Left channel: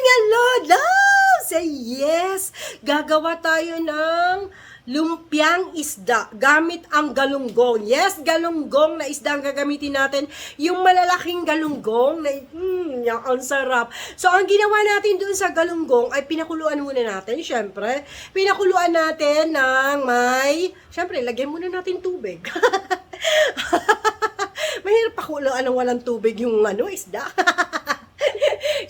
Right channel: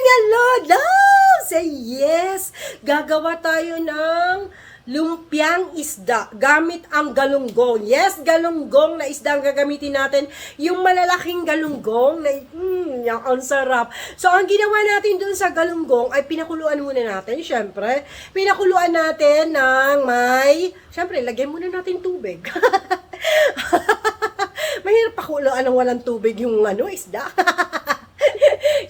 mga lola! Say yes! Gagawa tayo ng lumpiang isda gamit ang galunggong. Yes, galunggong na isda ang gagamitin natin. Yung malalaking galunggong na yung ang sarap. So, ang ginawa natin doon sa galunggong ay pinakuluan muna natin, syempre. Pinakuluan natin ng syempre, lagyan muna natin tubig. Mahirap pakuluan ng walang tubig yung isda.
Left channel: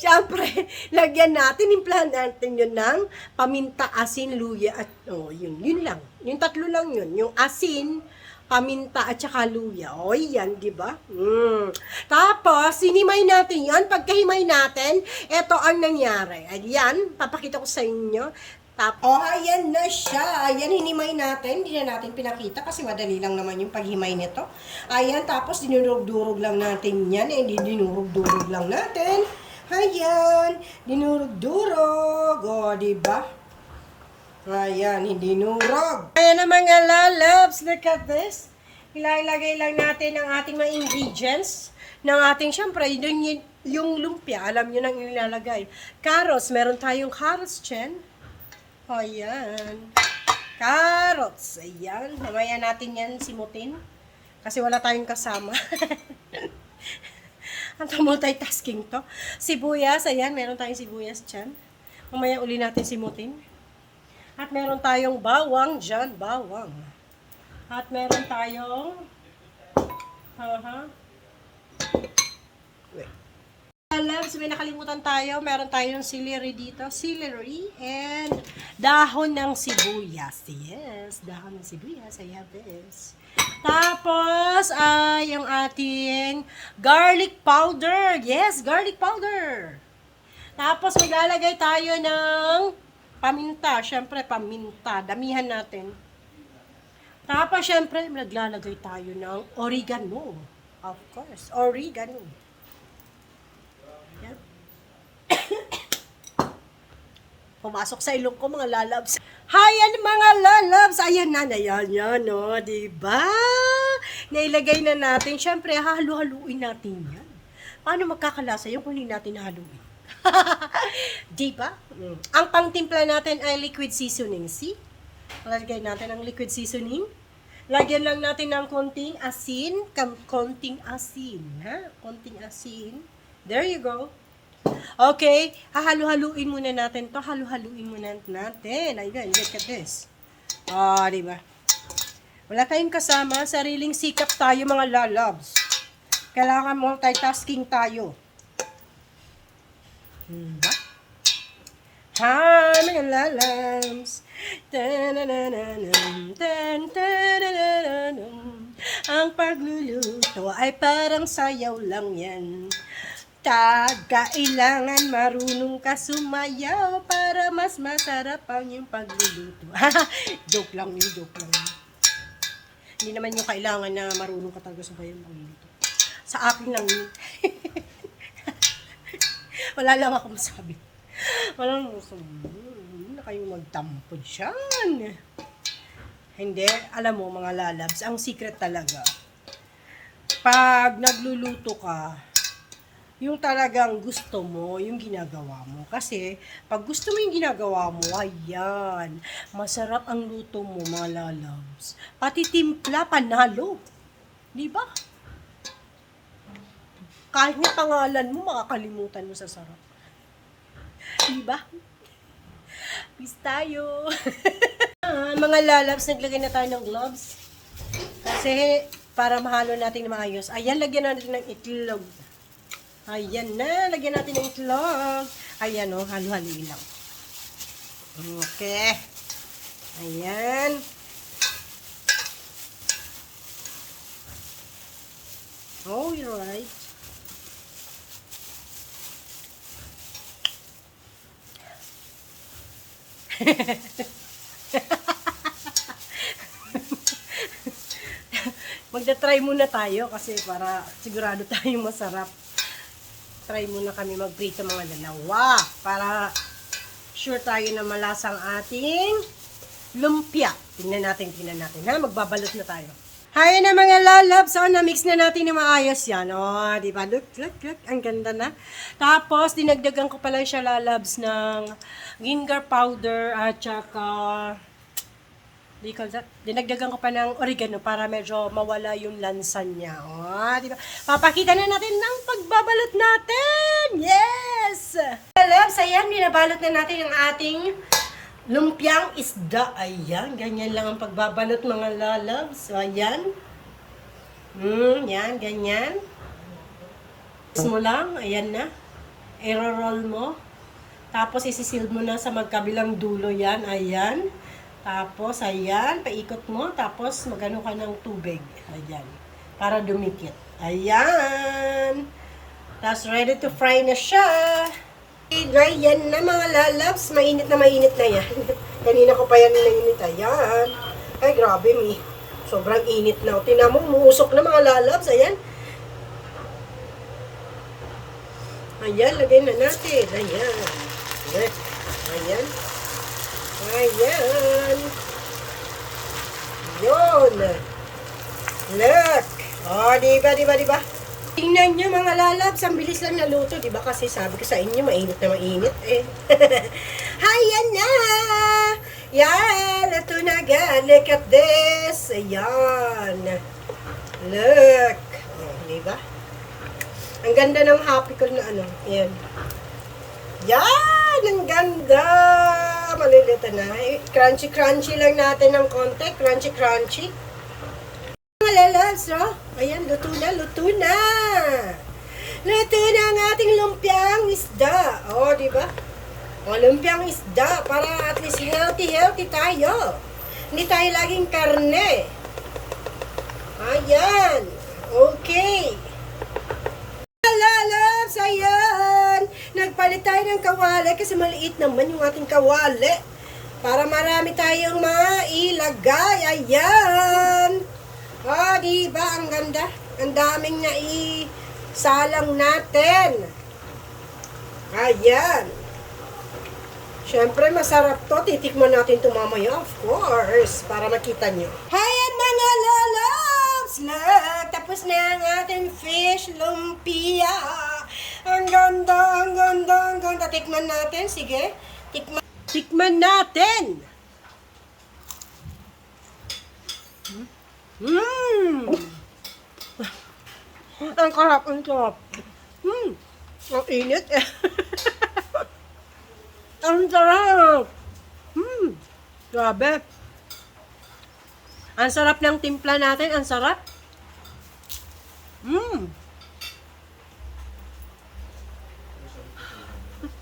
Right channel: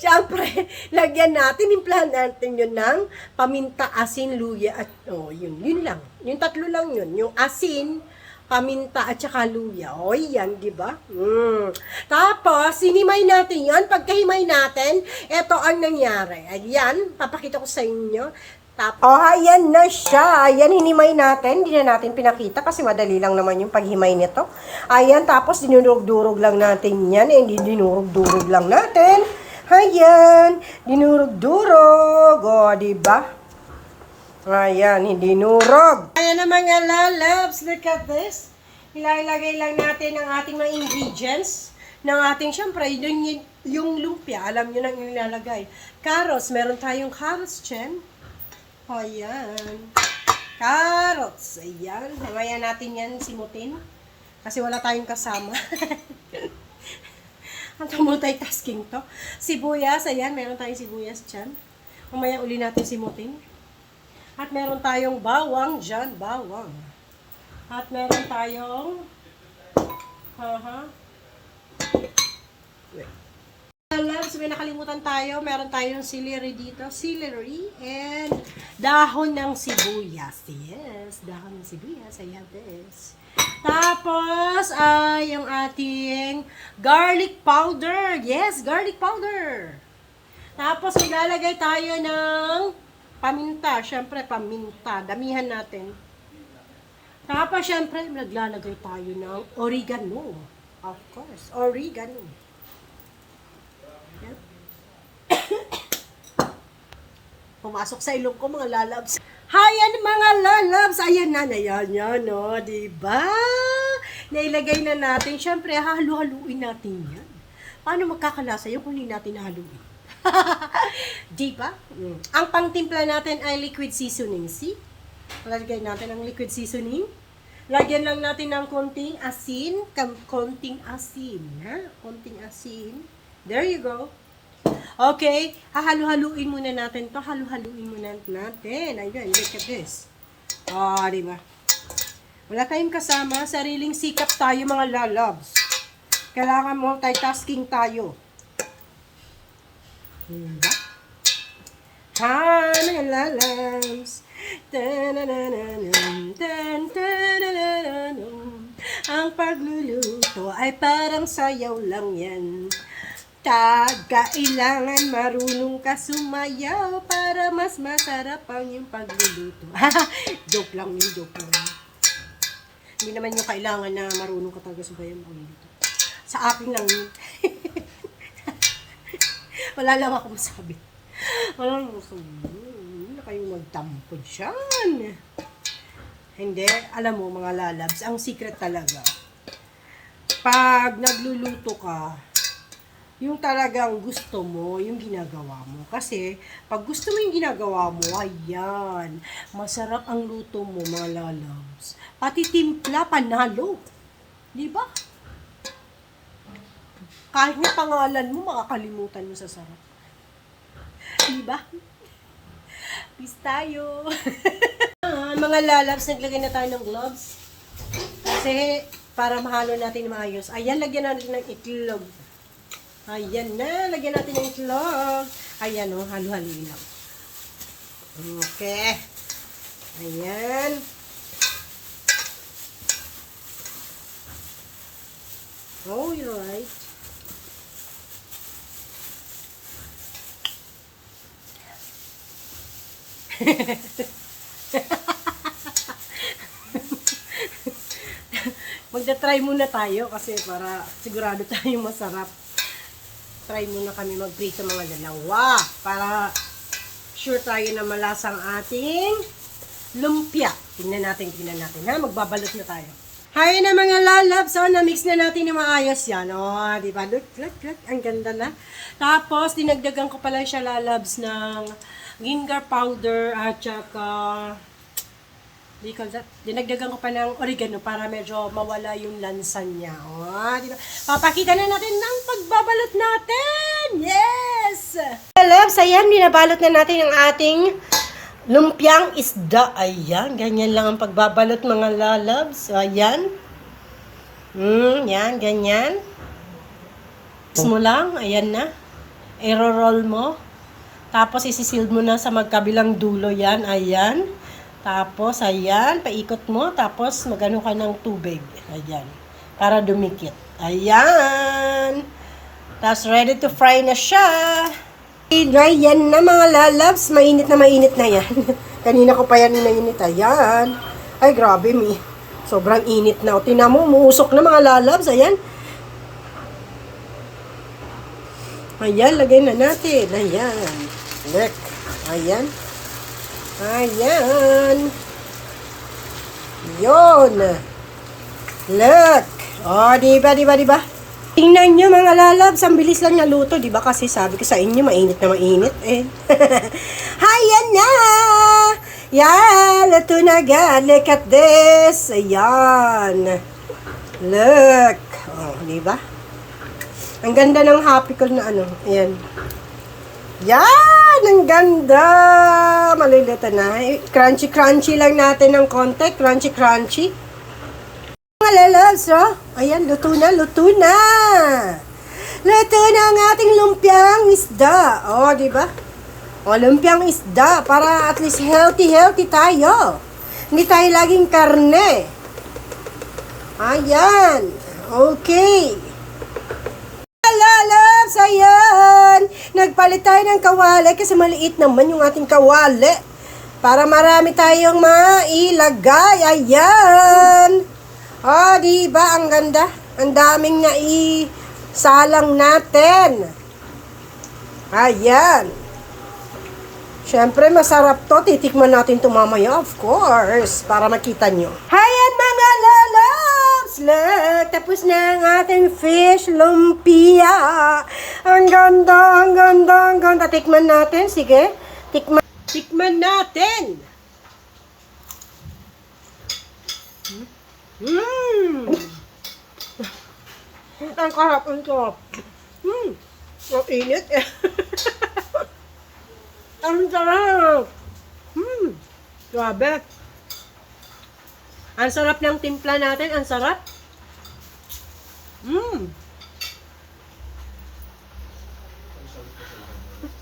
Siyempre, lagyan natin, implahan natin yun ng paminta, asin, luya, at yun lang. Yung tatlo lang yun. Yung asin, paminta, at saka luya. Yan, di ba? Tapos, hinimay natin yan. Pagkahimay natin, ito ang nangyari. Ayan, papakita ko sa inyo. Ayan na siya. Ayan, hinimay natin. Hindi na natin pinakita kasi madali lang naman yung paghimay nito. Ayan, tapos dinurog-durog lang natin yan. Hindi dinurog-durog lang natin. Ayan, dinurog-durog. Diba? Ayan, hindi nurog. Ayan na mga lalabs. Look at this. Ilalagay lang natin ang ating mga ingredients ng ating, syempre, yung lumpia. Alam nyo na ilalagay. Carrots. Meron tayong carrots, Chen. Ayan. Carrots. Ayan. Mamaya natin yan simutin. Kasi wala tayong kasama. Ang multitasking to. Sibuyas. Ayan. Meron tayong sibuyas dyan. Mamaya uli natin simutin. At meron tayong bawang dyan. Bawang. At meron tayong Loves, may nakalimutan tayo. Meron tayong celery dito. Celery and dahon ng sibuyas. Yes, dahon ng sibuyas. I have this. Tapos, ay yung ating garlic powder. Yes, garlic powder. Tapos, ilalagay tayo ng paminta. Siyempre, paminta. Damihan natin. Tapos, siyempre, naglalagay tayo ng oregano. Of course, oregano. Pumasok sa ilong ko mga lalabs. Hayan mga lalabs. Ayan na yan, diba? Nailagay na natin. Siyempre, halu-haluin natin yan. Paano magkakalasa yung kung hindi natin haluin? Diba? Ang pangtimpla natin ay liquid seasoning. See? Lagay natin ang liquid seasoning. Lagyan lang natin ng konting asin. Konting asin. Konting asin. There you go. Okay, hahalu-haluin muna natin to. Halu-haluin muna natin. Ayan, look at this. Diba? Wala kayong kasama. Sariling sikap tayo mga lalabs. Kailangan multitasking tayo. Diba? Hi, mga lalabs. Ang pagluluto ay parang sayaw lang yan. Kailangan marunong ka sumayaw para mas masarap ang yung pagluluto. Joke lang yun, joke lang. Hindi naman yung kailangan na marunong ka talaga sumayaw ang pagluluto. Sa akin lang yun. Wala lang ako masabi. Wala lang masabi. Hindi na kayong magtampo dyan. Hindi, alam mo mga lalabs, ang secret talaga. Pag nagluluto ka, yung talagang gusto mo, yung ginagawa mo. Kasi, pag gusto mo yung ginagawa mo, ayan, masarap ang luto mo, mga lalabs. Pati timpla, panalo. Diba? Kahit na pangalan mo, makakalimutan mo sa sarap. Diba? Peace tayo. Mga lalabs, naglagay na tayo ng gloves. Kasi, para mahalo natin maayos. Ayan, lagyan natin ng itlog. Ayan na, lagyan natin ng itlog. Ayan halu-haluin lang. Okay. Ayan. Oh, you're right. Magda-try muna tayo kasi para sigurado tayong masarap. Try muna kami mag-prito mga dalawa para sure tayo na malasang ating lumpia. Tingnan natin ha. Magbabalot na tayo. Hi na mga lalabs. So, na-mix na natin na maayos yan. Oh, di ba? Look, look, look. Ang ganda na. Tapos, dinagdagan ko pala siya lalabs ng ginger powder at saka, dinagdagan ko pa ng oregano para medyo mawala yung lansa niya. Oh, di ba? Papakita na natin ng pagbabalot natin. Yes! Lalabs, ayan, binabalot na natin ang ating lumpiang isda. Ayan, ganyan lang ang pagbabalot mga lalabs. Ayan. Yan, ganyan. Tapos mo lang, ayan na. I-roll mo. Tapos isisil mo na sa magkabilang dulo yan. Ayan. Tapos, ayan, paikot mo. Tapos magano ka ng tubig. Ayan. Para dumikit. Ayan. Tapos ready to fry na siya. Yan na mga lalabs, mainit na yan. Kanina ko pa yan inainit, ayan. Ay grabe sobrang init na. Tingnan mo, umusok na mga lalabs, ayan. Ayan, lagay na natin, ayan. Look, ayan. Ayan. Yun. Look. Oh, diba? Tingnan nyo mga lalabs, ang bilis lang naluto, di ba? Kasi sabi ko sa inyo, mainit na mainit eh. Ayan na! Yan, luto na agad. Look at this. Ayan. Look. Oh, di ba? Ang ganda ng happy ko na ano. Ayan. Yan! Ang ganda! Malilita na. Crunchy lang natin ng konti. Crunchy. Mga lalabs, oh. Ayan, luto na. Luto na ang ating lumpiang isda. Oh, di ba? Oh, lumpiang isda para at least healthy tayo. Hindi tayo laging karne. Ayan. Okay. Lalabs, ayan. Nagpalit tayo ng kawali kasi maliit naman yung ating kawali. Para marami tayong mailagay. Ayan. Oh, di ba ang ganda? Ang daming naisalang natin. Ayan. Siyempre, masarap to. Titikman natin ito mamaya, of course, para makita nyo. Ayan mga lalabs! Look, tapos na ang ating fish lumpia. Ang ganda. Tikman natin, sige. Tikman natin. Ang sarap. Ang init eh. Ang sarap. Grabe. Ang sarap ng timpla natin. Ang sarap.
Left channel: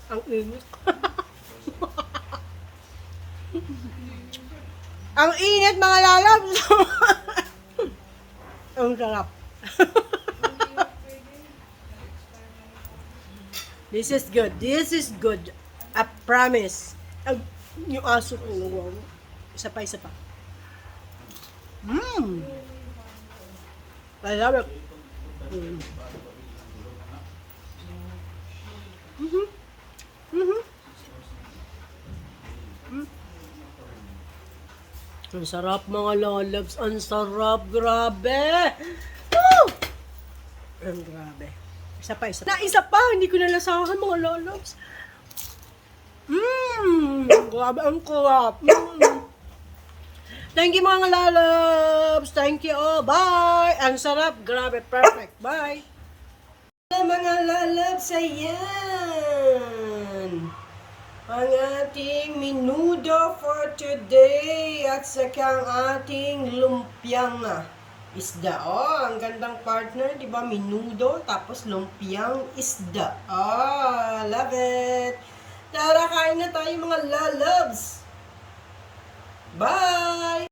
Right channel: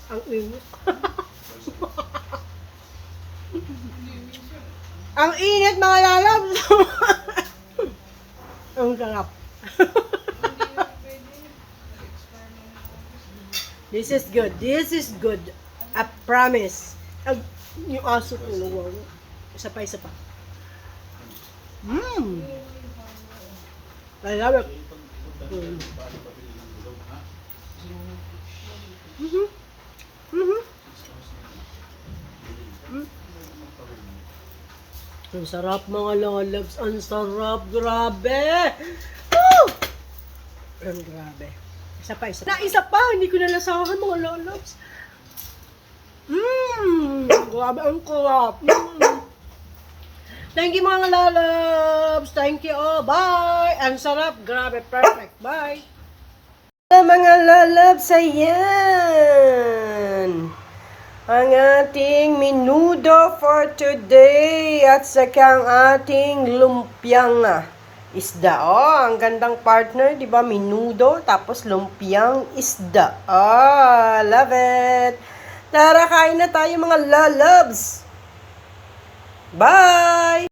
Ang init. Ang init mga lalabs. Ang sarap. This is good. I promise. Yung aso ko, wow. Isa pa. I love it. Ang sarap mga lalabs. Ang sarap. Grabe. Woo! Ang grabe. Isa pa. Isa pa. Hindi ko nalasahan mga lalabs. Grabe. Ang sarap. Thank you mga lalabs. Thank you. Oh, bye. Ang sarap. Grabe. Perfect. Bye. Mga lalabs. Ayan. Ang ating menudo for today at saka ang ating lumpiang isda. Oh, ang gandang partner, 'di ba? Menudo tapos lumpiang isda. Oh, love it. Tara, kain na tayo mga lalabs. Bye.